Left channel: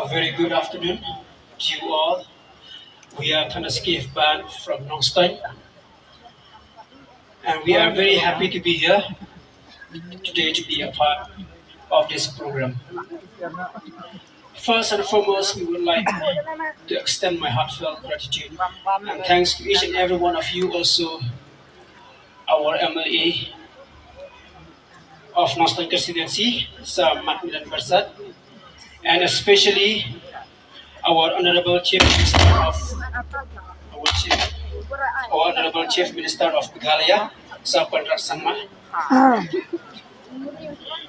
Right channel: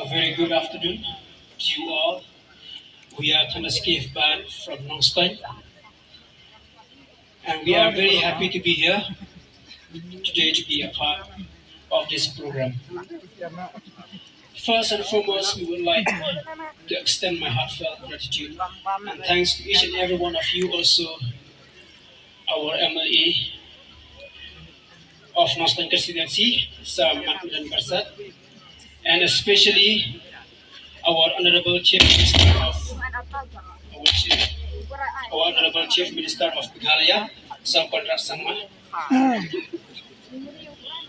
A very good afternoon to you all. We are Thunderskiff Band from Nongstein, and we are very happy to be here today to be a part of this program. First and foremost, we would like to extend my heartfelt gratitude and thanks to each and every one of you, also our MLA of Nongstein constituency, Sir Macmillan Barsat, and especially our Honorable Chief Minister of our Chief, our Honorable Chief Minister of Meghalaya, Sir Konrad Sangma,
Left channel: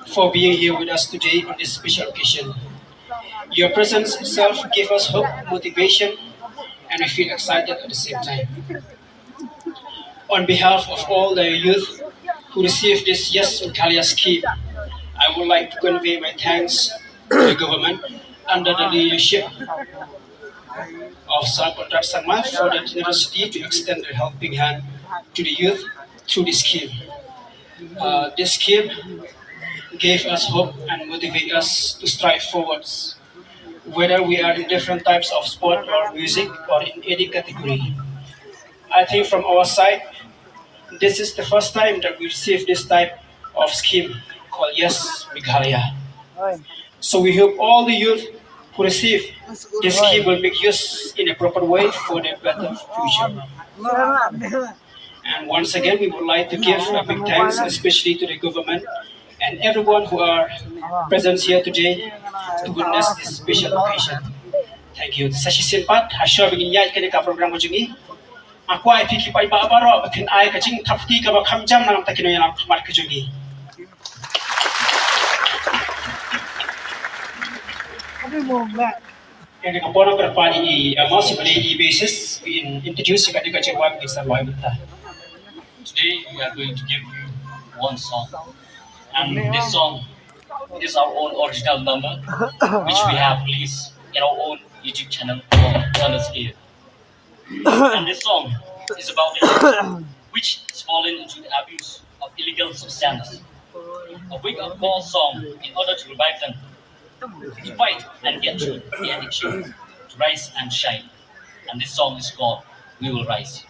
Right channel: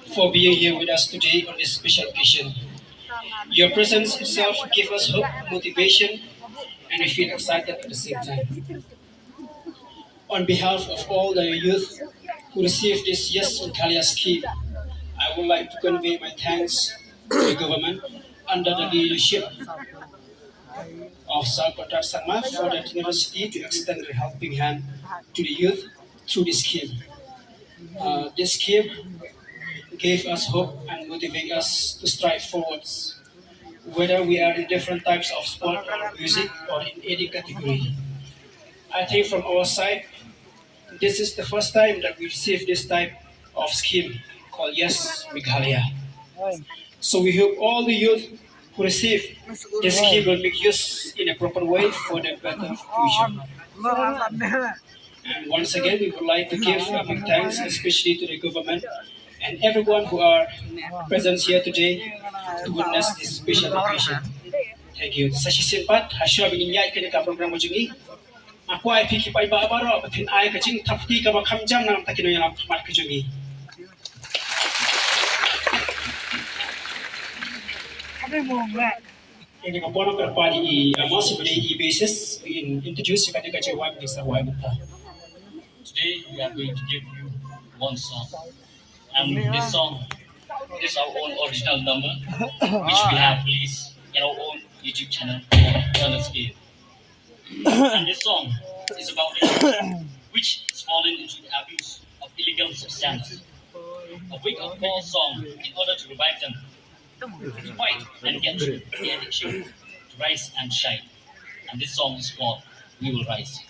for being here with us today on this special occasion. Your presence itself gives us hope, motivation, and we feel excited at the same time. On behalf of all the youth who received this Yes Meghalaya scheme, I would like to convey my thanks to the government under the leadership of Sir Konrad Sangma for the generosity to extend a helping hand to the youth through this scheme. This scheme gave us hope and motivate us to strive forwards, whether we are in different types of sport or music or in any category. I think from our side, this is the first time that we receive this type of scheme called Yes Meghalaya. So we hope all the youth who receive this scheme will make use in a proper way for their better future. And once again, we would like to give a big thanks, especially to the government and everyone who are present here today to witness this special occasion. Thank you. Sa sisimpat, hasyo bingin yay kani ka program jungi. Aku ay fikir pa iba baro, batin ay kajing tafti ka ba kamjam nang takino yang smart kajungi. Yang dengan pono berpani masih pada basis we introduce ka juga cewa Mr. Wai Bata. Today we are going to give you one song, and this song is our own original number, which we have released in our own YouTube channel called Thunderskiff. And this song is about the youth which is fallen into the abuse of illegal substances. A wake-up-call song in order to revive them, to fight and get through the addiction, to rise and shine. And this song is called We Will Rise.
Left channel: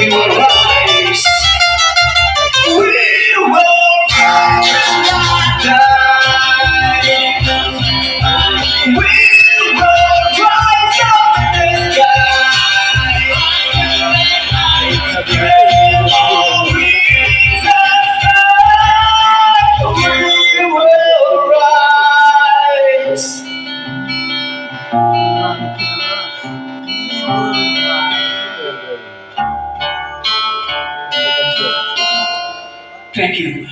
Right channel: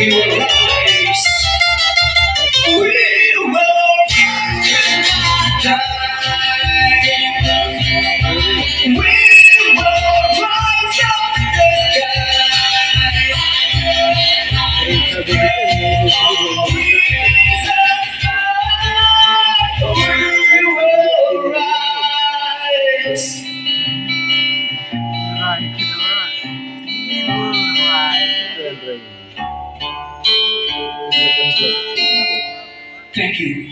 We will rise. We will rise. We will rise up in the sky. Rainbow is the sky. We will rise. Thank you.